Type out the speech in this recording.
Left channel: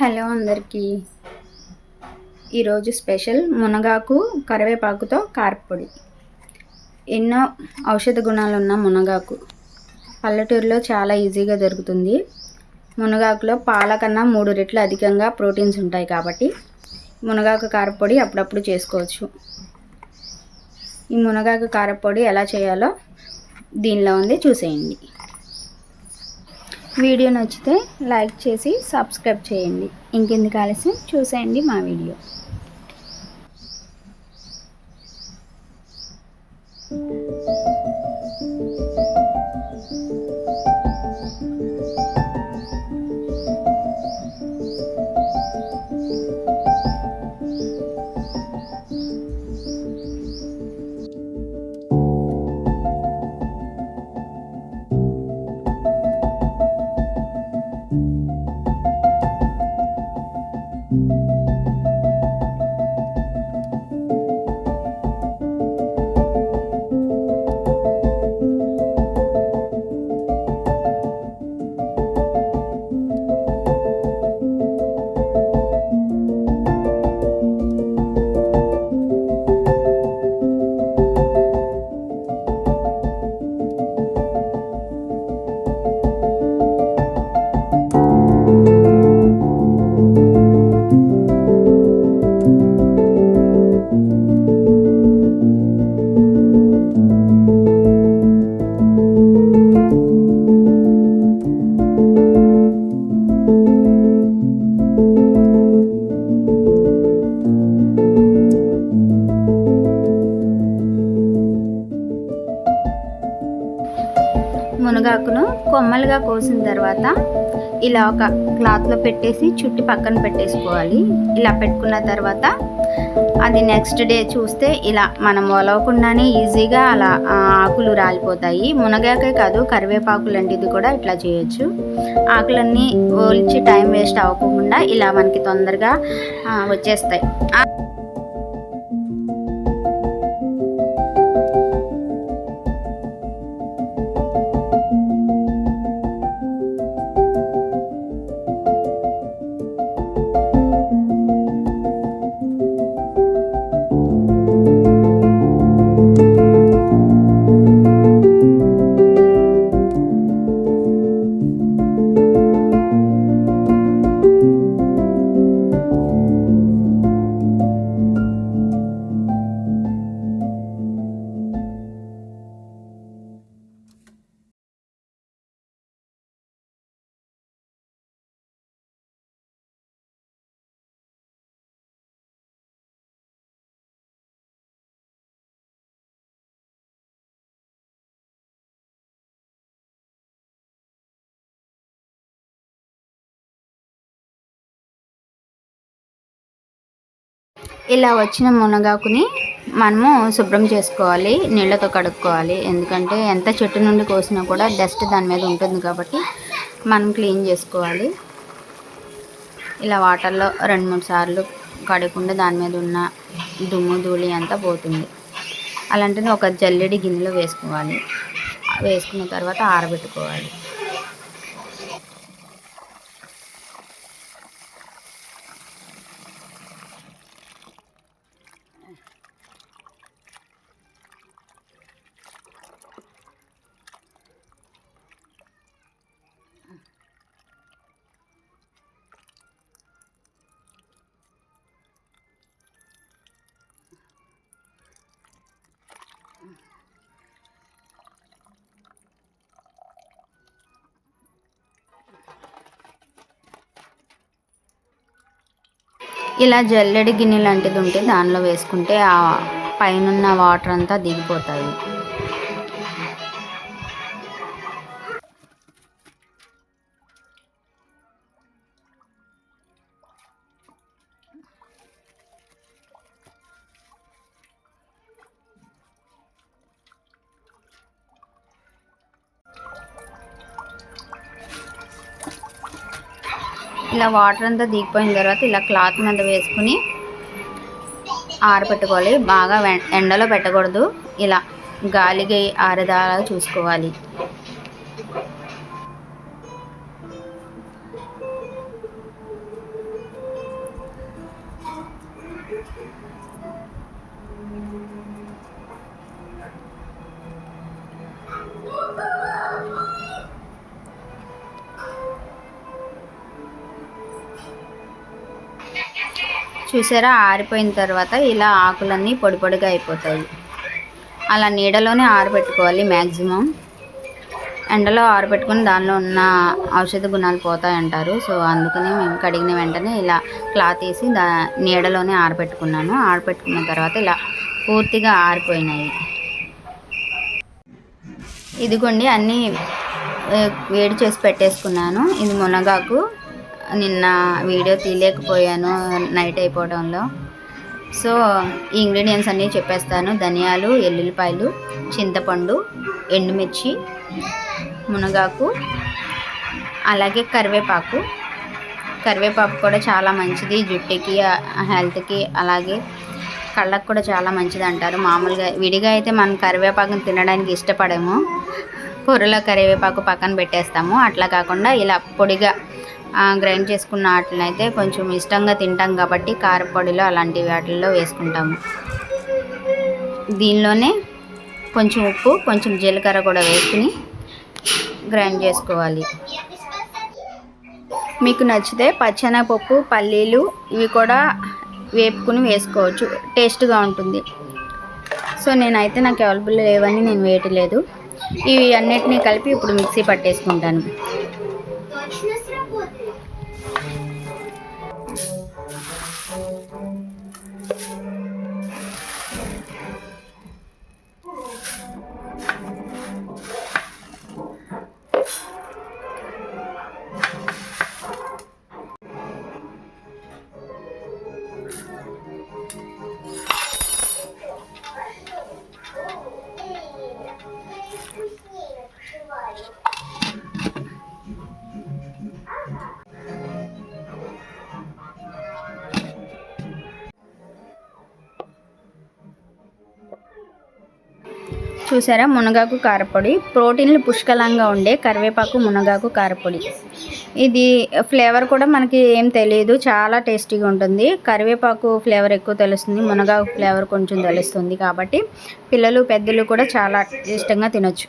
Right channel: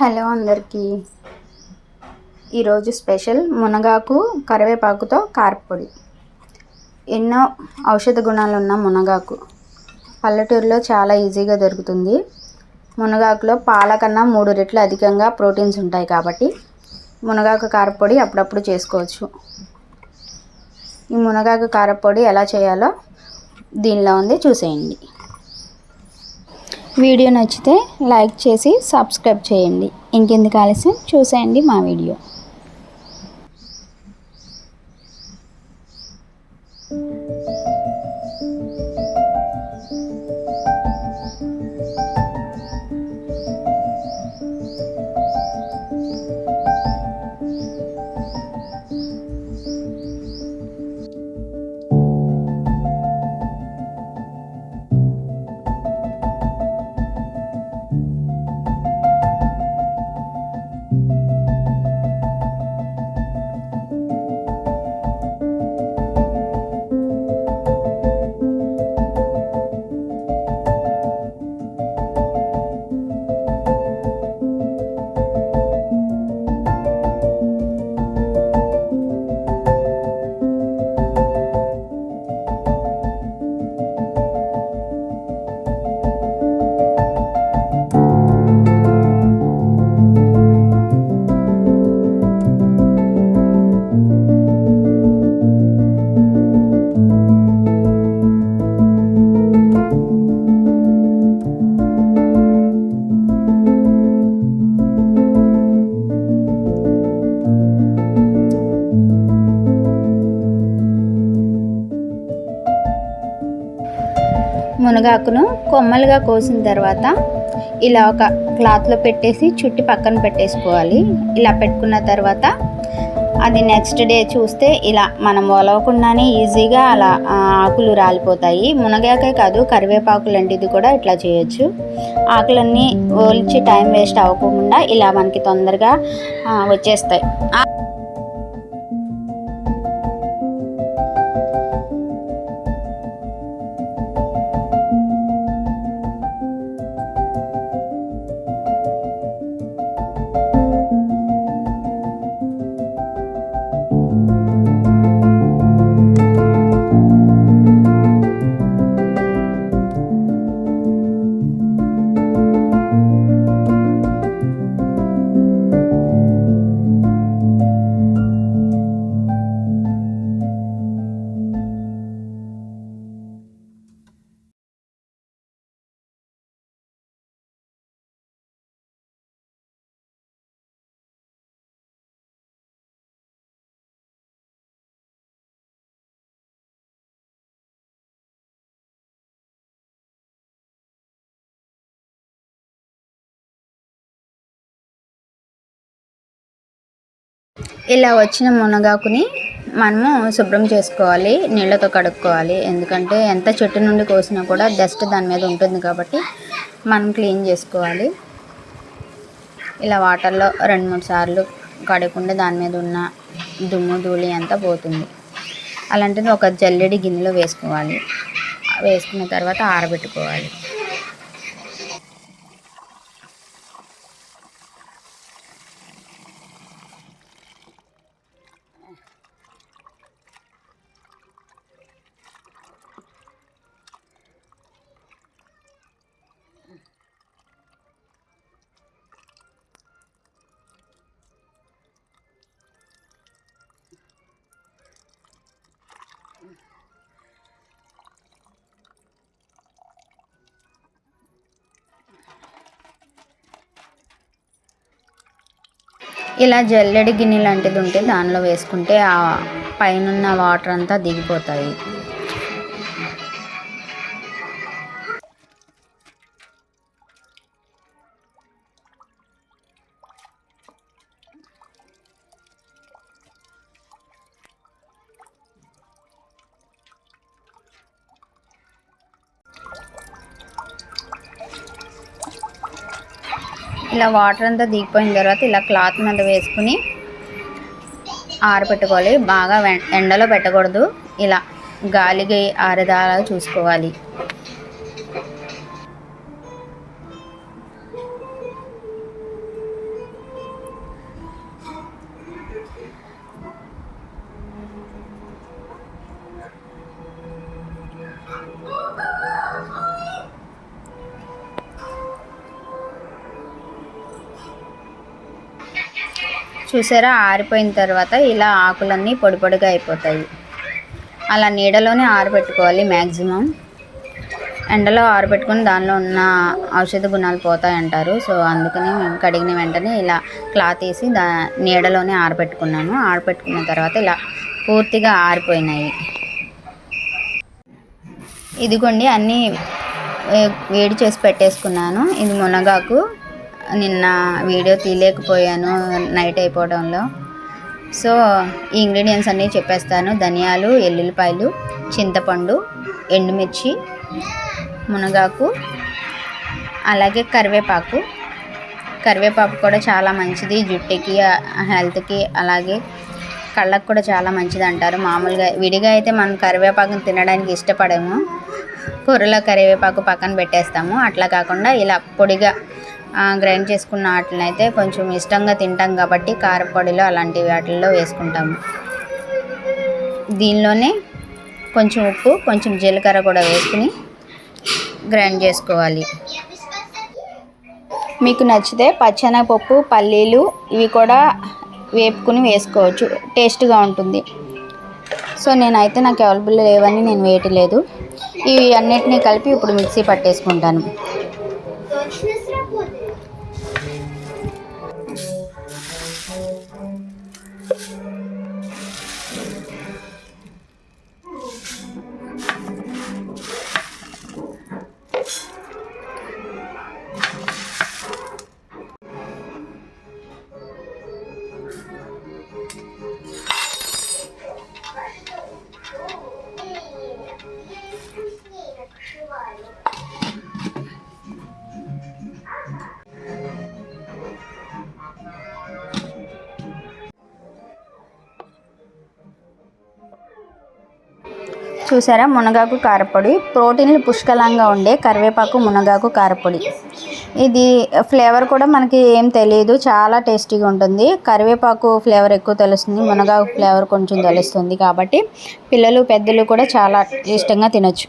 Hello అందరికీ. ఈరోజు special మునగాకు కరివేపాకుతో కారపొడి. ఎన్నో ఔషధ గుణాలు ఉన్న మునగాకు పల్లెటూరులో చాలా ఈజీగా దొరుకుతుంది. మునగాకులో పాల కన్నా 3 రెట్లు అధికంగా ప్రోటీన్స్ ఉంటాయి కాబట్టి మునగాకు కారపొడి అప్పుడప్పుడు చేసుకోవచ్చు. ఈ మునగాకు కారపొడి ఎలా చేయాలో దీనిలో ఉంది, చూసేయండి. వీడియో నచ్చితే లైక్ చేసి సబ్స్క్రైబ్ చేయండి. ఇంకెందుకు ఆలస్యం, చూసేయండి మా వీడియో. మునగాకును కొమ్మలుగా కోసిన తర్వాత ఇలా ఒక క్లాత్లో పెట్టేసి చుట్టి పక్కన పెట్టేసుకోవాలి. ఇలా పెట్టుకున్న తర్వాత అది నెక్స్ట్ డే చూస్తే ఇలా మనం ఒలవకుండానే ఈజీగా అలా ఆకులు రాలిపోతాయి. మునగాకే కాదు, కరివేపాకు లాంటిది కూడా ఇట్లా చేయొచ్చు. ఆకులన్నీ ఒలిచి టైం వేస్ట్ అవ్వకుండా ఇలా మనకి తొందరగా వచ్చేస్తాయి. ఇలా వచ్చిన మునగాకుని మనము శుభ్రం చేసుకోవాలి, నీళ్ళతో కడుక్కోవాలి. ఎందుకంటే ఎంత చెట్టు నుండి కోసినా కూడా డస్ట్ దాని మీద ఉంటుంది కాబట్టి మనం క్లీన్ చేసుకోవాలి. ఇలా వాటర్లో 2-3 సార్లు కడగకుండా దాని మీద ఉన్న దుమ్ము ధూళి అంతా పోతుంది. అలాంటిది ఒక జల్లెడి గిన్నెలో వేసుకోవాలి. వేసుకున్న తర్వాత ఆరబెట్టుకోవాలి. ఇలా జల్లెడి గిన్నె లాంటిది ఉంటే దానిలో వేసుకుంటే ఆ పైనున్న వాటర్ అంతా దిగిపోతాయి. ఇలా వాటర్ అంతా దిగిపోయిన తర్వాత ఇలా క్లాత్ మీద వేసుకుని ఆరబెట్టుకోవాలి. బాగా ఎండలో పెట్టకూడదు, ఇలా గాలికి ఆరేదాలా చూసుకోవాలి. చూసారా, ఆరిపోయిన తర్వాత ఇలా ఆకులన్నీ పొడి పొడిగా అయిపోతాయి. అలా నీడలోనే ఆరబెట్టుకోవాలి. మ్యాక్సిమం ఎండలో ఆరబెట్టుకుని దానిలో ఉన్న ఔషధ గుణాలు పోతాయంటారు. సో అందుకని మేము కడిగిన వెంటనే ఇలా క్లాత్ వేసి నీడలోనే ఆరబెట్టుకున్నాను. ఆరబెట్టుకున్న తర్వాత ఇలా పూర్తిగా ఆరిపోయినాయి. ఇదిగోండి, అన్నీ వేడి చేసి పెట్టేసుకున్నాను. ఇది మునగాకు. నిన్న వీడియో తీయలేకపోయాను నైట్ అయిపోవడంలో. సో ఈ ఇంగ్రీడియంట్స్ అన్నీ చెప్పేస్తాను. ధనియాలు, ఎల్లుల్లిపాయలు, చింతపండు, ఎండుమిర్చి, మునగాకు, అలాగే కరివేపాకు. కరివేపాకు కూడా చాలా మంచిది జుట్టుకి, హెల్త్కి, అలాగే కళ్ళకు కూడా చాలా మంచిది అంటారు. మామూలుగా విడిగా అయితే మనం కరివేపాకుని తినడానికి ఇష్టపడము. కూరలో కరివేపాకు పక్కన పెట్టేస్తాము. అట్లా కాకుండా ఇలా పొడిగా గ్రైండ్ చేసుకున్న వాటిని అయితే కొంచెం ఇష్టంగా తింటాం కాబట్టి కారపొడిలో అలాంటి వాటిల్లో వేసుకుంటాము. దీనిలోనే కొంచెం ఉప్పు, కొంచెం జీలకర్ర కూడా వేసుకుని గ్రైండ్ చేసుకోవాలి. మీకు నచ్చితే పచ్చెనగపప్పు, పల్లీలు ఇవి కూడా వేపుకుని వేసుకోవచ్చు, టేస్ట్గా ఉంటుంది. సో నేనైతే నాకు అవైలబుల్ లేవని నేను వేయట్లేదు. ఇవి అన్నిటినీ కలిపి ఇప్పుడు మిక్సీ పట్టేసుకుంటాను. చూసారా, మునగాకు కారపొడి. ప్రోటీన్లు పుష్కలంగా ఉండే కరివేపాకు, మునగాకు కారపొడి. ఇది ఫ్లేవర్ కూడా మనకి ఏం తెలియదు, చాలా టేస్టీగా ఉంటుంది. కరివేపాకు ఫ్లేవర్ ఎక్కువ తెలుస్తుంది, మునగాకు ఫ్లేవర్ కొంచెం తెలుస్తుంది. కాబట్టి పిల్లలు, పెద్దలు కూడా చాలా ఇష్టంగా తినొచ్చు.